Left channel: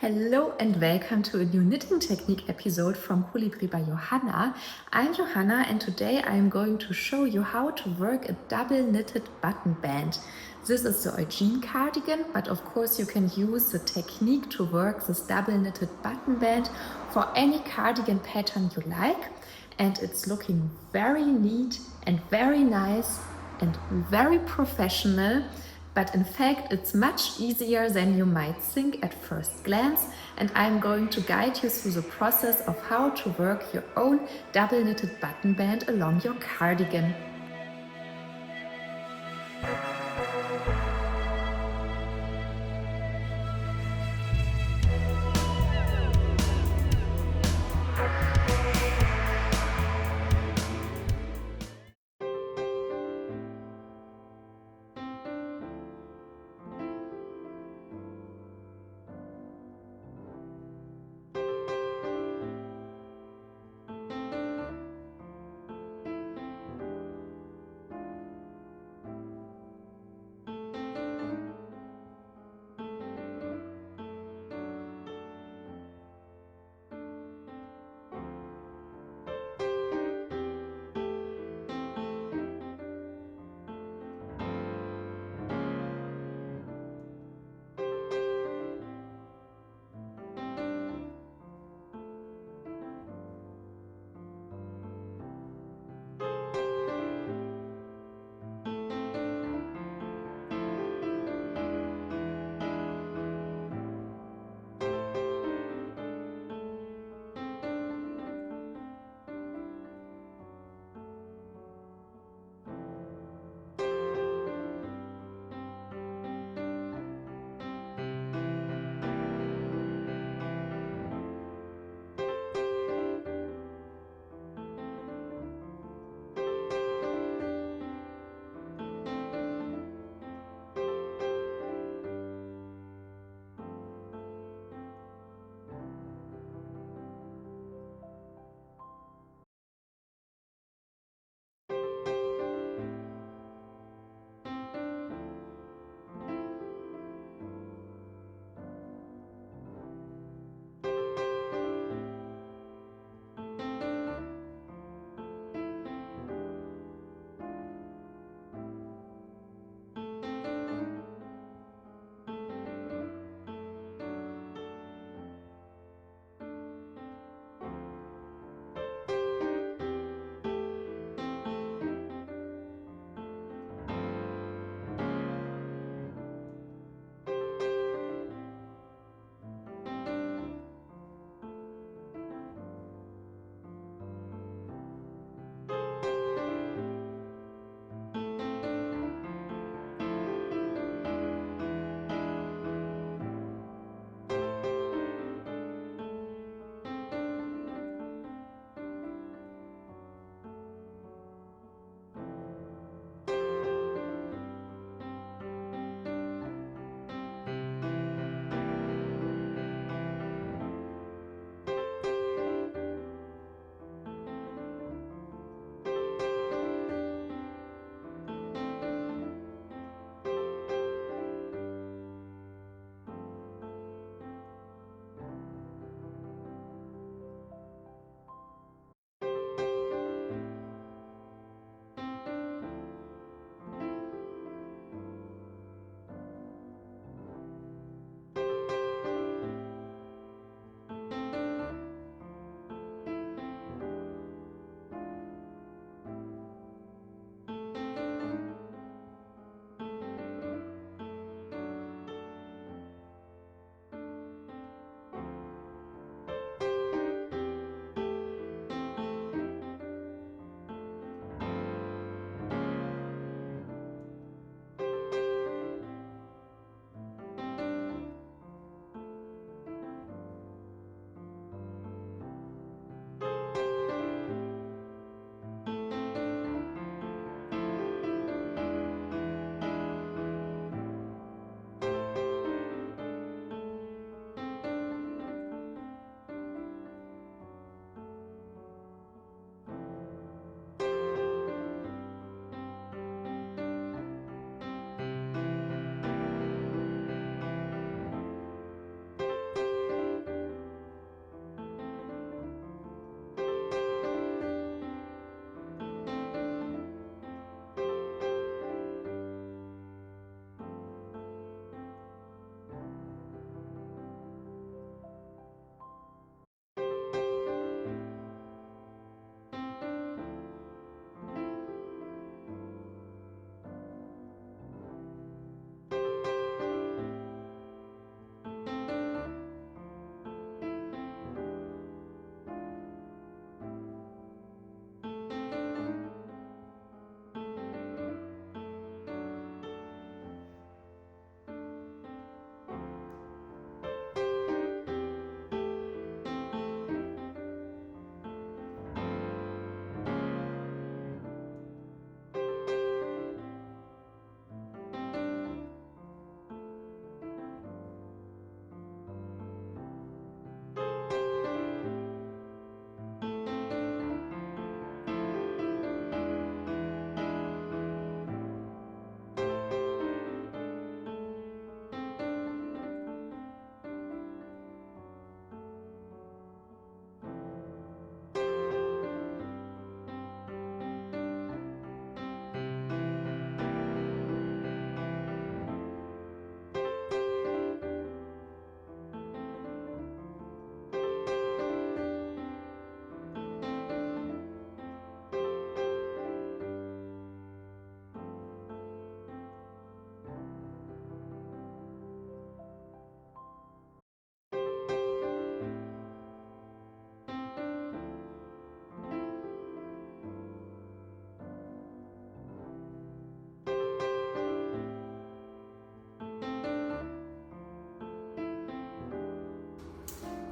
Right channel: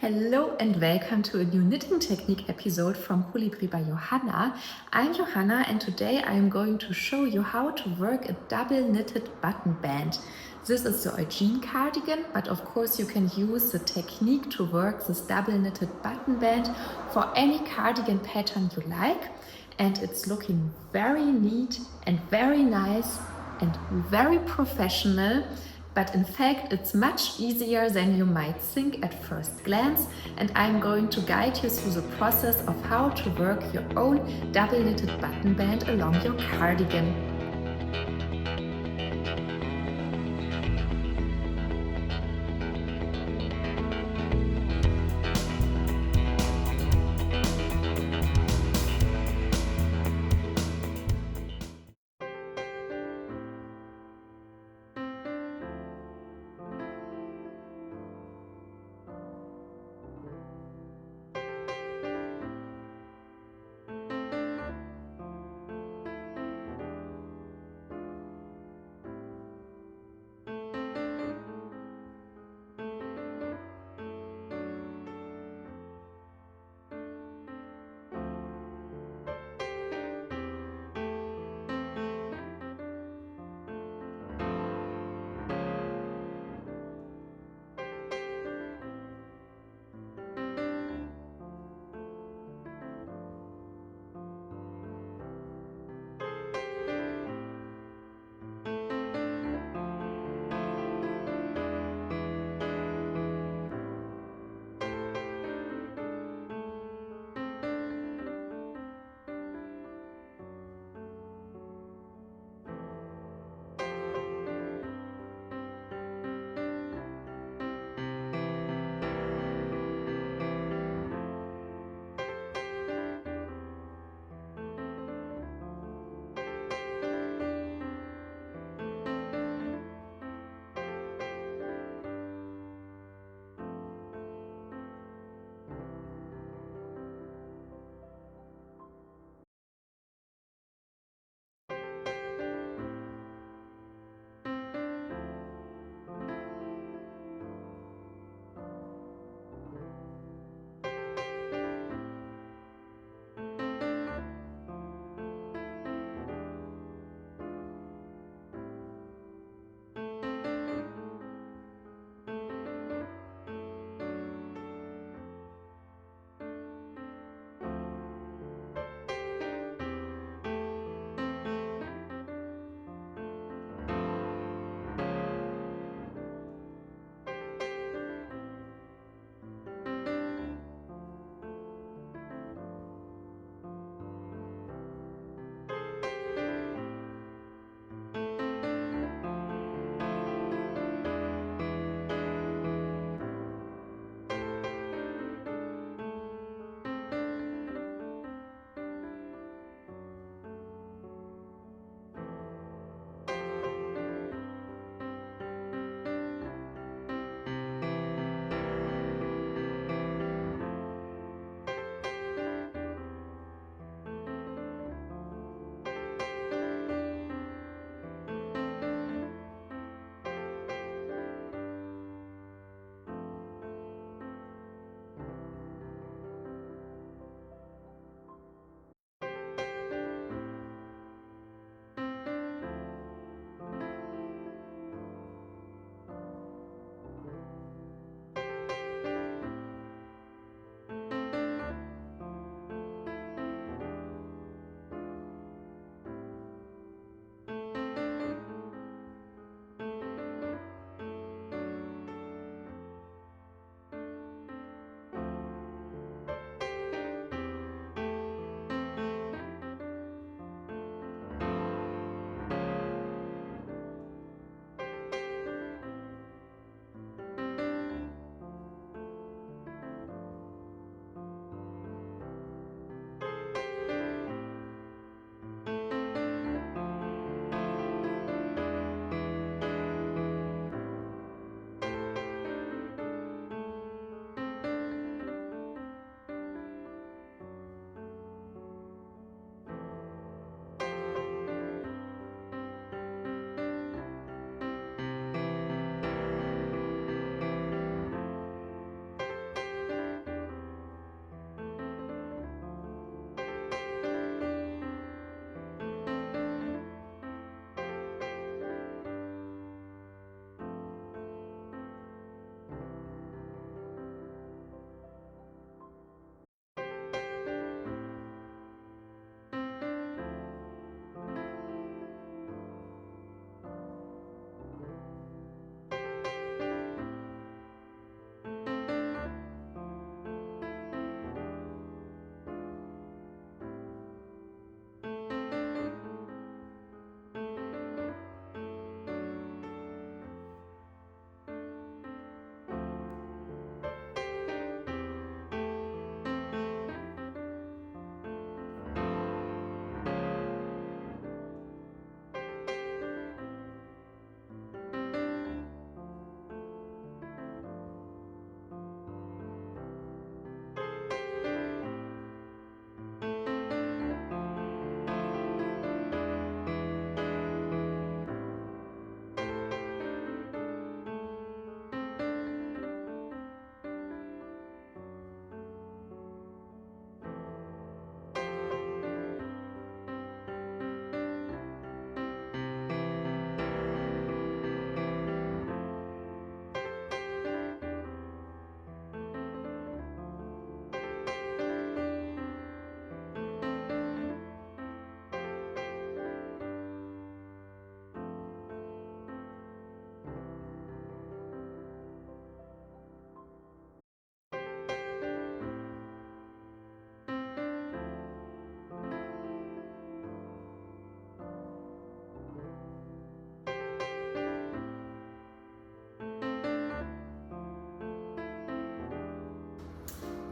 Hello and welcome to a new knitting technique episode from Colibri by Johanna. I'm Johanna and today I'm going to show you how to work a double knitted button band. This is the Eugene Cardigan, but of course you can use the technique to work this double knitted button band for any cardigan pattern you like. And it's looking very neat and very nice and very professional. But in fact, it's much easier than you might think at first glance, and I'm going to guide you through the process of how to work your own double knitted button band along your cardigan.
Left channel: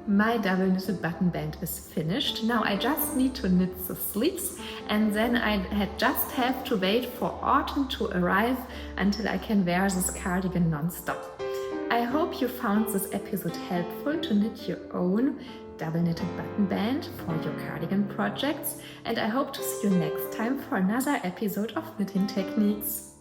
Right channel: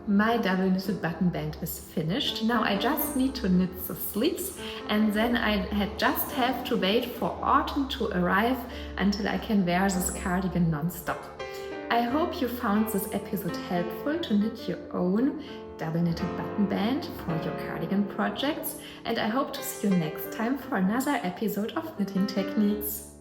My double knitted button band is finished. Now I just need to knit the sleeves, and then I just have to wait for autumn to arrive until I can wear this cardigan non-stop. I hope you found this episode helpful to knit your own double knitted button band for your cardigan projects, and I hope to see you next time for another episode of Knitting Techniques.